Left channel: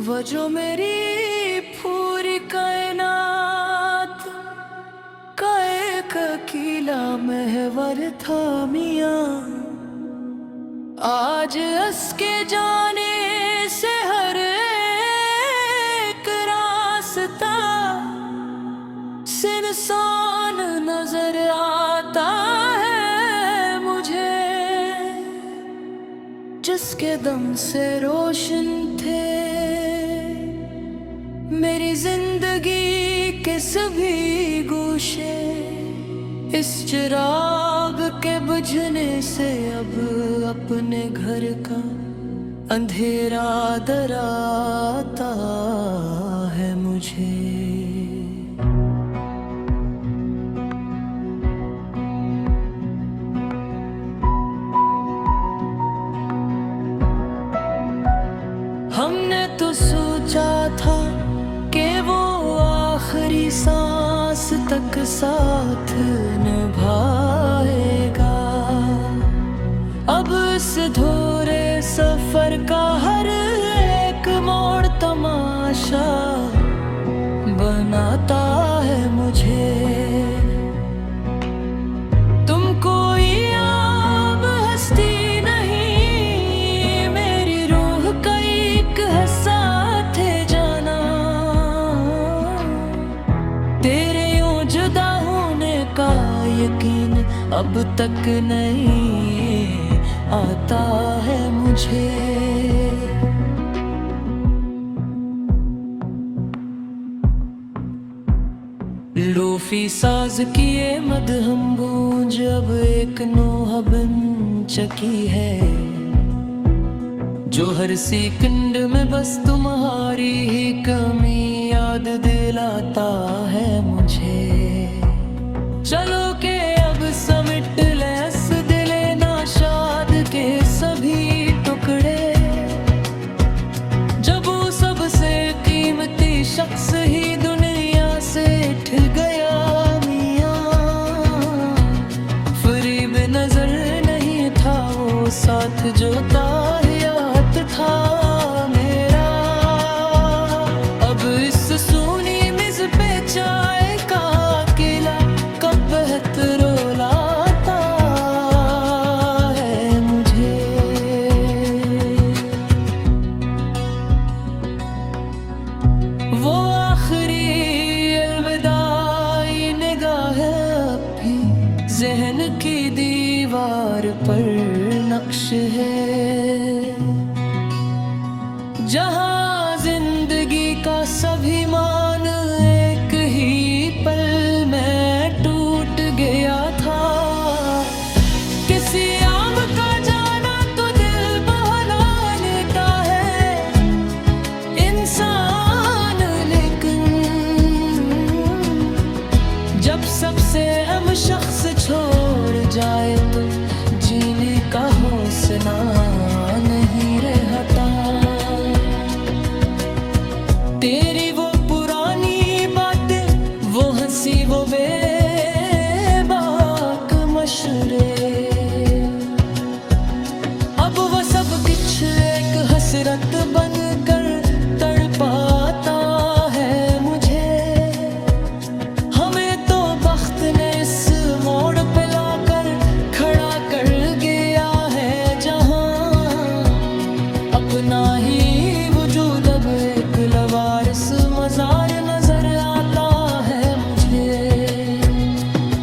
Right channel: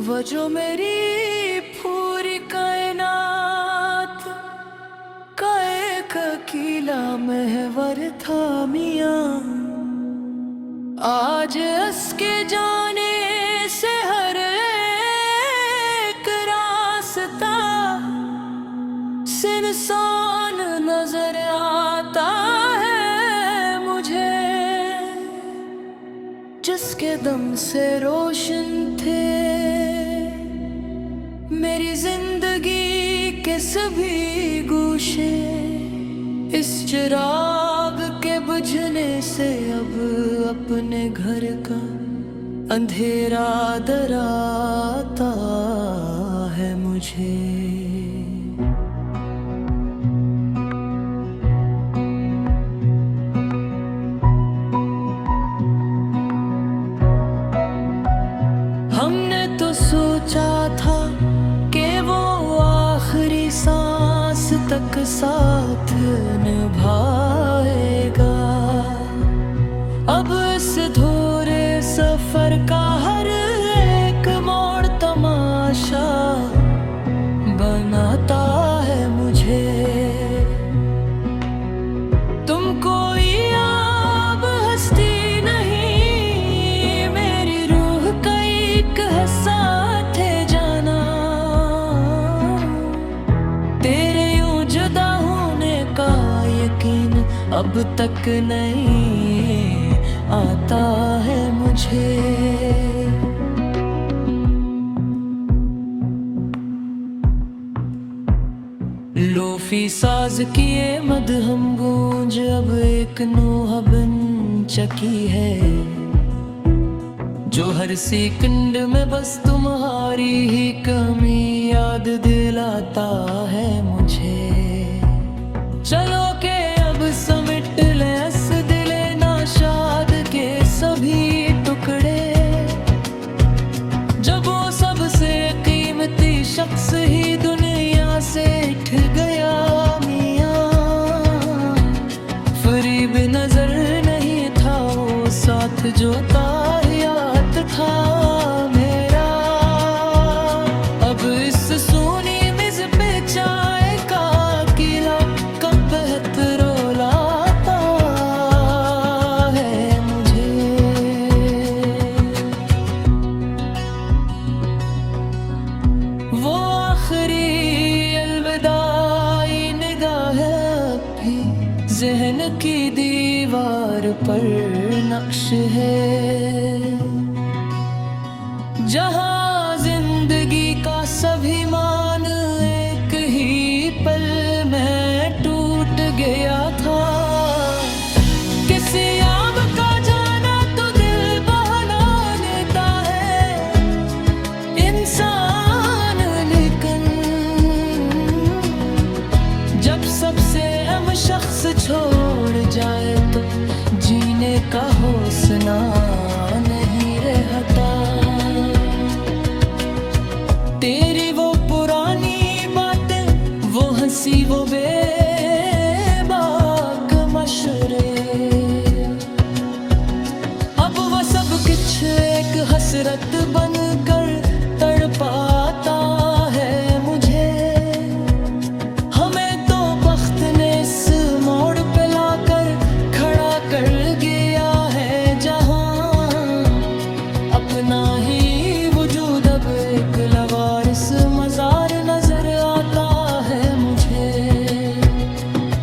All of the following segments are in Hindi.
वो जो मेरी पूरी कायनात का एक अकेला महवर था मियाँ, आज उसके जाने से हर एक रास्ता सुनसान नजर आता है मुझे। जिसके दम से रोशन थे मेरी जिंदगी के सभी गोशे, इस चिराग के बुझने से अब अपने घर का अंधेरा डराता है मुझे। हमने तो सोचा था कि वो आखिरी सांस तक साथ निभाएगा, अब इस धोरे सफर का हर एक मोड़ तमाशा बनाता है मुझे। तुम कोई आम हस्ती नहीं, मेरी रूह का एक हिस्सा थे जाना। तेरे यूं जुदा होने का यकीन अब तक नहीं आता है मुझे। लोफी साज किए मदहम गूंज अब एक नोहा बन चकी है, जो हर सेकंड में बस तुम्हारी ही कमी याद दिलाता है मुझे। चलो के अब समिट ले अस दिले नाशाद के सभी टुकड़े, जब वो सबसे कीमती शख्स ही दुनिया से उठ गया मियाँ। फरीब नजर नहीं था वो साथ जो ताहियात था मेरा, अब इस सूनी मिज़ पे चाय का किला कब बेहतर लाता है मुझे। वो आखिरी अलविदाई निगाह अब भी ज़हन की दीवार पर नक्श है, जहाँ जिंदगी का सभी मान एक ही पल में टूट गया था। किसी आम का जाना तो दिल बहला लेता है इंसान, लेकिन जब सबसे अहम शख्स छोड़ जाए तो जीने का हौसला नहीं रहता। तेरी वो पुरानी बातें, वो हंसी, वो बेबाक मशरे, अब वो सब कुछ एक हसरत बनकर तड़पाता है मुझे। हमें तो बख्त ने इस मोड़ पे लाकर खड़ा कर गया है, जहां अपना ही वजूद अब एक लवारिस मजार नजर आता है मुझे।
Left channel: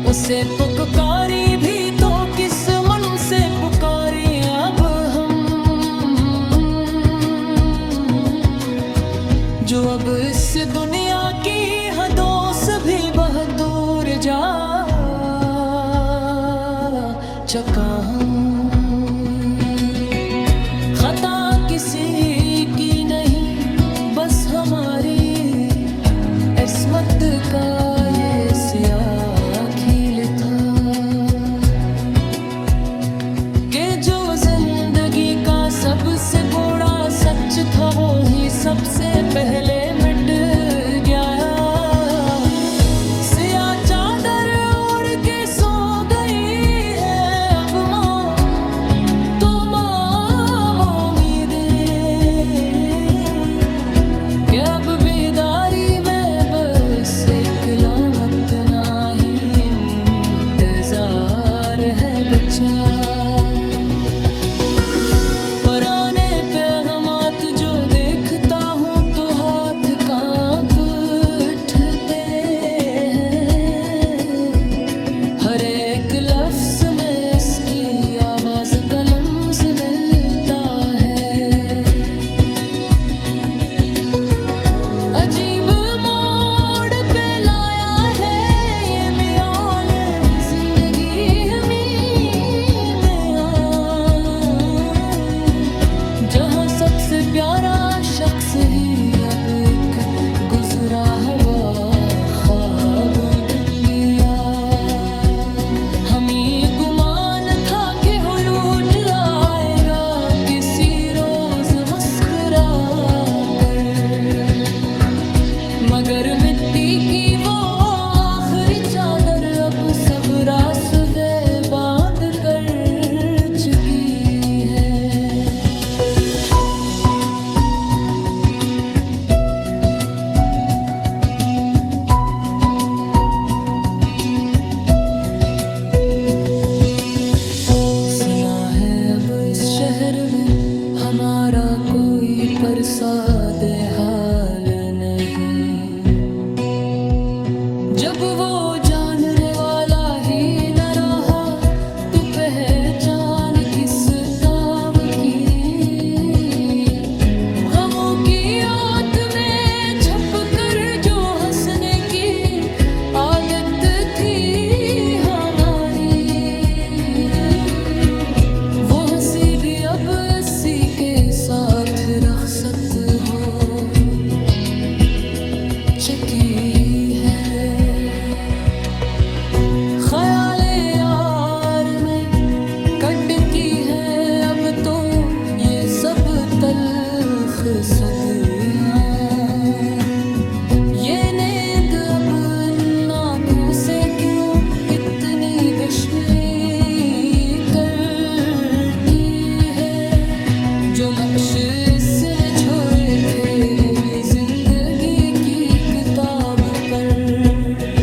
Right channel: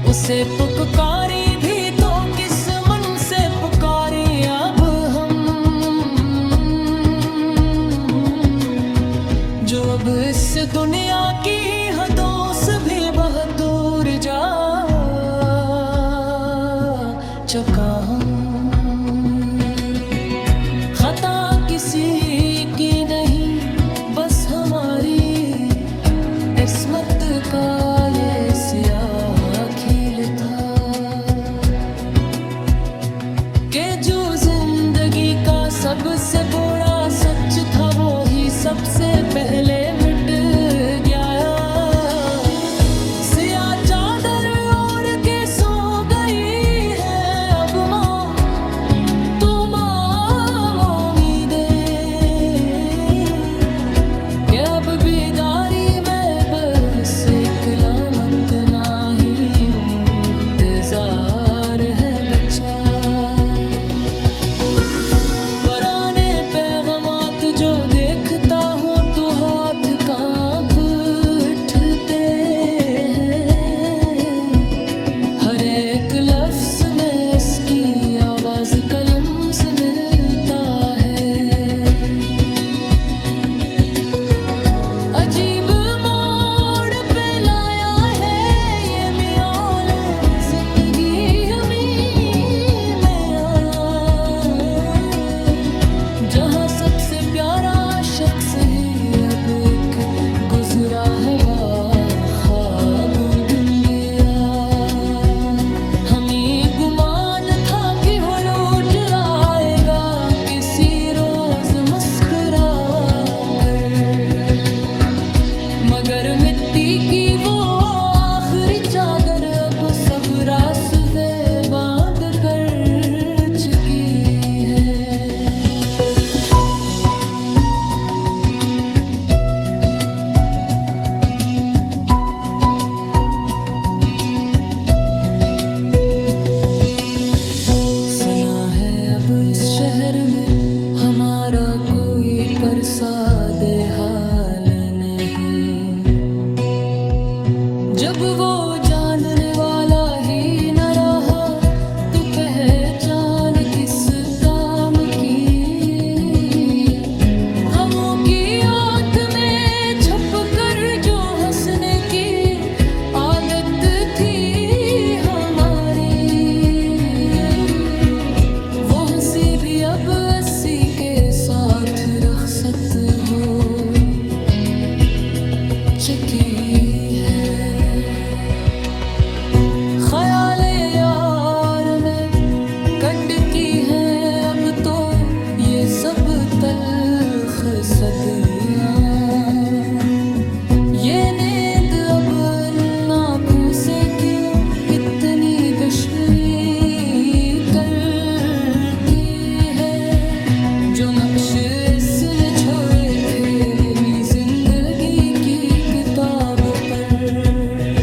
उसे पुकारी भी तो किस मन से पुकारी अब हम, जो अब इस दुनिया की हदों से भी बहुत दूर जा चुका हूँ। खता किसी की नहीं बस हमारी किस्मत का ये सियाह खील था, कि जो जिंदगी का सबसे बड़ा सच था वो ही सबसे पहले मिट गया। सियाह चादर ओढ़ के सो गई है अब माँ तुम उम्मीदें, अब बेदारी में बस एक लामत नाही इंतजार है बच्चा। पुराने पैगामात जो देखता हूँ तो हाथ कांप उठते हैं। हर एक लफ्ज में इसकी आवाज कलम से मिलता है। अजीब मोड़ पे लाया है ये मियाल जिंदगी हमी में जहाँ सबसे प्यारा शख्स ही अब एक गुजरा हवा ख्वाब बन गया। हमें गुमान था कि हो लौट आएगा किसी रोज मुस्कुरा कर, मगर मिट्टी की वो आखिरी चादर अब सब रास्ते बांध कर चुकी है। सुना है अब इस शहर में हमारा कोई परसाद हाल नहीं। जब वो जानने वाला ही न रहा तो पहचान किस काम की। गमों की आंत में छुप कर जो हंसने की आदत थी भी अब अस्सी के साथ रखसत हो चुकी है। ख्याले यार में कट की है अब तो ये सब तल्ख सदियां। ये नींद अब आँखों से क्यों इतनी गश्मी करती है। जो नक्श इसने छोड़े थे मेरी जिंदगी की किताब पर